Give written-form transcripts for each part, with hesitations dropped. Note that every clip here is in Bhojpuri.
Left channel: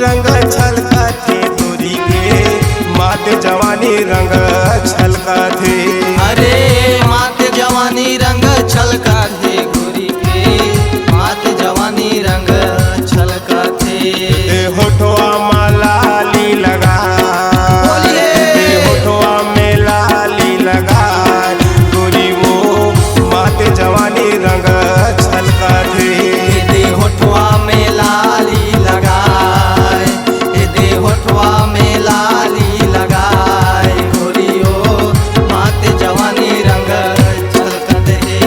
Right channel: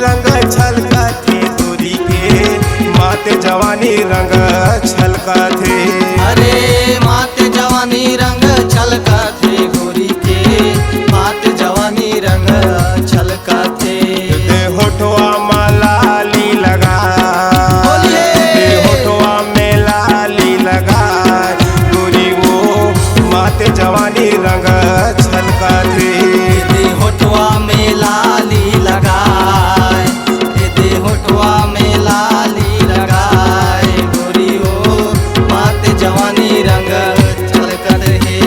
रंग छलका थे गोरी के मात जवानी रंग छलका थे। अरे मात जवानी रंग छलका थे गोरी के मात जवानी रंग छलका थे। दे होठवा में लाली लगा दे होठवा में लाली लगा गोरी वो मात जवानी रंग छलका थे। दे होठवा में लाली लगाए दे होठवा में लाली लगाए गोरी वो मात जवानी रंग छलकत है।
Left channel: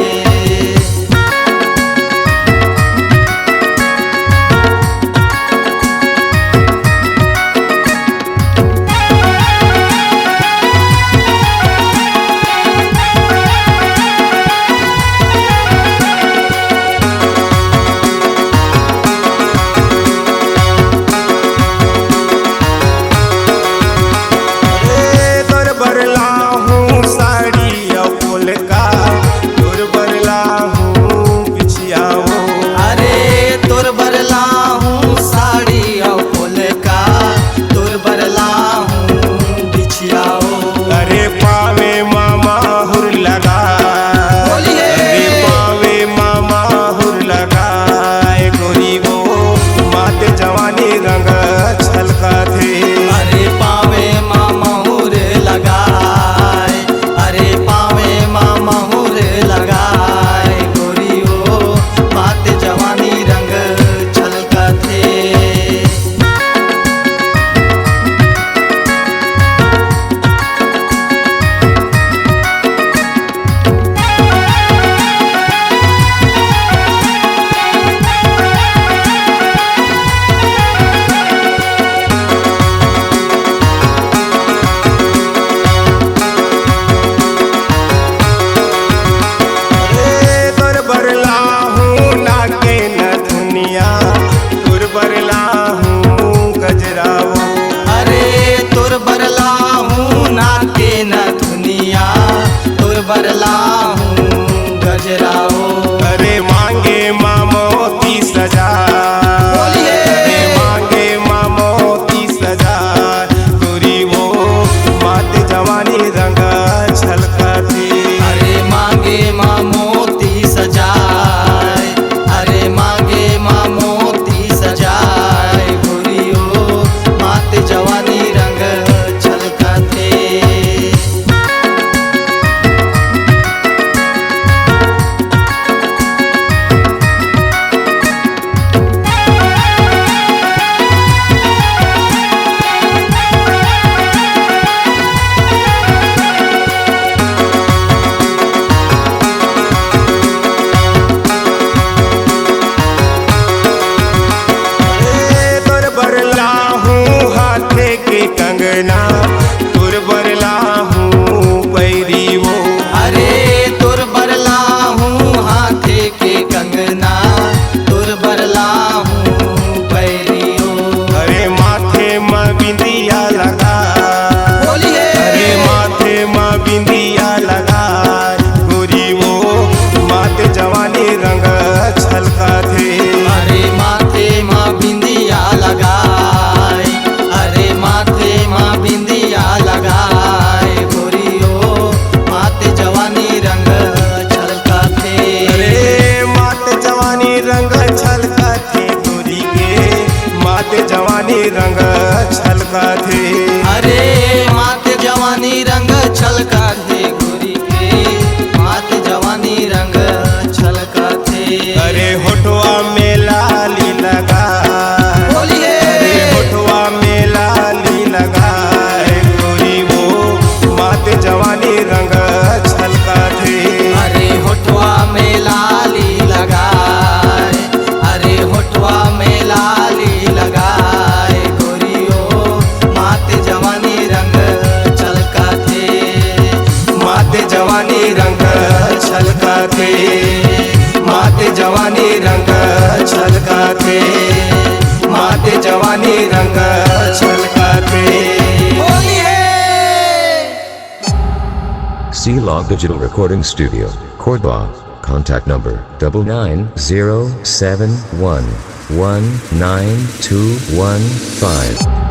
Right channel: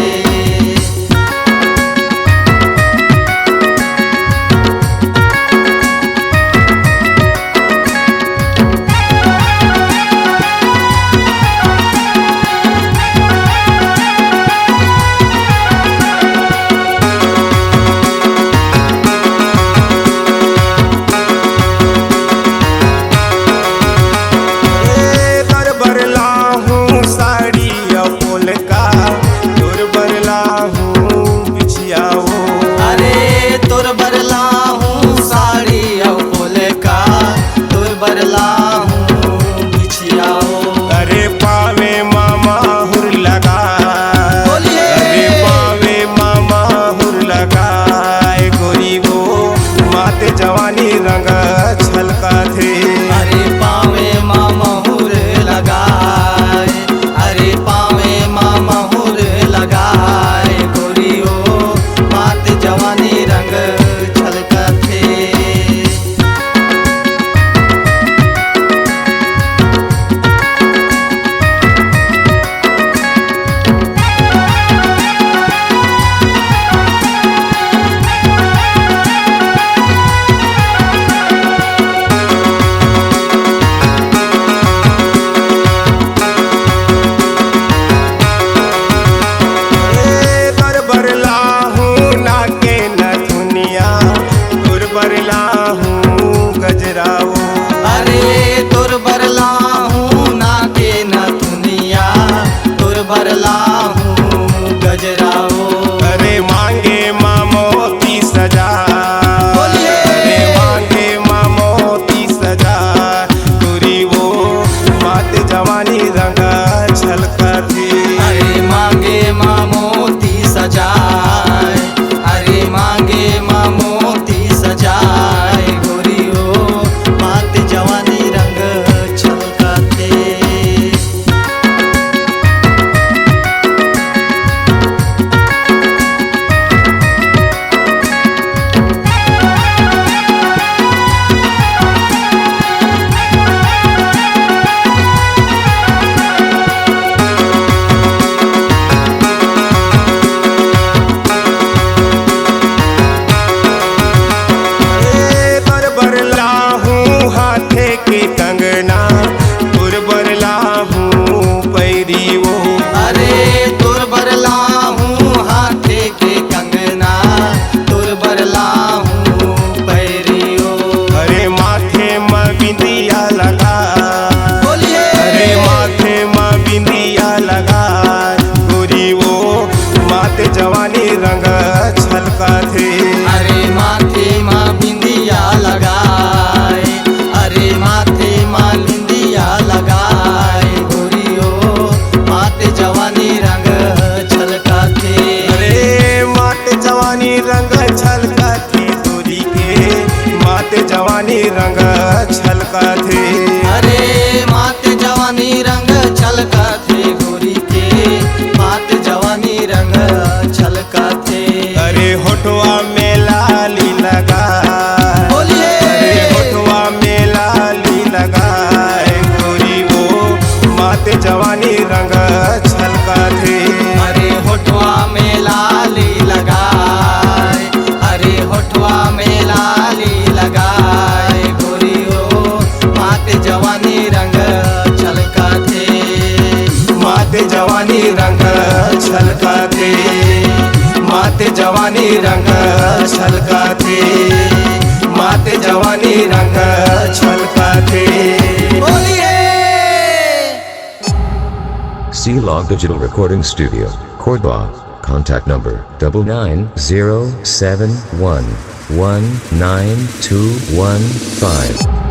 बरला हूँ साड़ी फूल का तोर बरला हूँ बिछियाओ। अरे तोर बरला हूँ साड़ी फूल का तोर बरला हूँ बिछियाओ। अरे पावे मामा हुर लगा अरे पावे मामा हुर लगाए गोरी वो मात जवानी रंग छलका थे। अरे पावे मामा हुर लगाए अरे पावे मामा हुर लगाए गोरी वो मात जवानी रंग छलकत है। बरला हूँ नाके नथुनिया तुर बरला हूँ गजराओ। अरे तुर बरला हूँ नाके नथुनिया तुर बरला हूँ गजराओ। अरे मांगे मामोती सजा अरे मांगे मामोती सजा गोरी वो मात जवानी रंग छलका थी। अरे मांगे मामोती सजाए अरे मांगे मामोती सजाए गोरी ओ मात जवानी रंग छलकत है। बरला हूँ हाथे के कंगना तुर बरला हूँ पैरी वो। अरे तुर बरला हूँ हाथे के कंगना तुर बरला हूँ पैरी हो। अरे माथे में बिंदिया लगा अरे माथे में बिंदिया लगा गोरी वो मात जवानी रंग छलका थे। अरे माथे माँ बिंदिया लगाए अरे माथे माँ बिंदिया लगाए गोरी ओ मात जवानी रंग छलकत है। अरे मात जवानी रंग छलका थे गोरी के मात जवानी रंग छलका थे। अरे मात जवानी रंग छलकत है गोरी के मात जवानी रंग छलकत है। अरे होठवा में लाली लगा अरे होठवा में लाली लगाए गोरी वो मात जवानी रंग छलका थे। अरे होठवा में लाली लगाए अरे होठवा में लाली लगाए गोरी ओ मात जवानी रंग छलकत है। मात जवानी रंग छलका थे मात जवानी रंग छलका थे मात जवानी रंग छलका थे। C-Log Digital Recording Studio, Cordoba, Contact number 99071192115.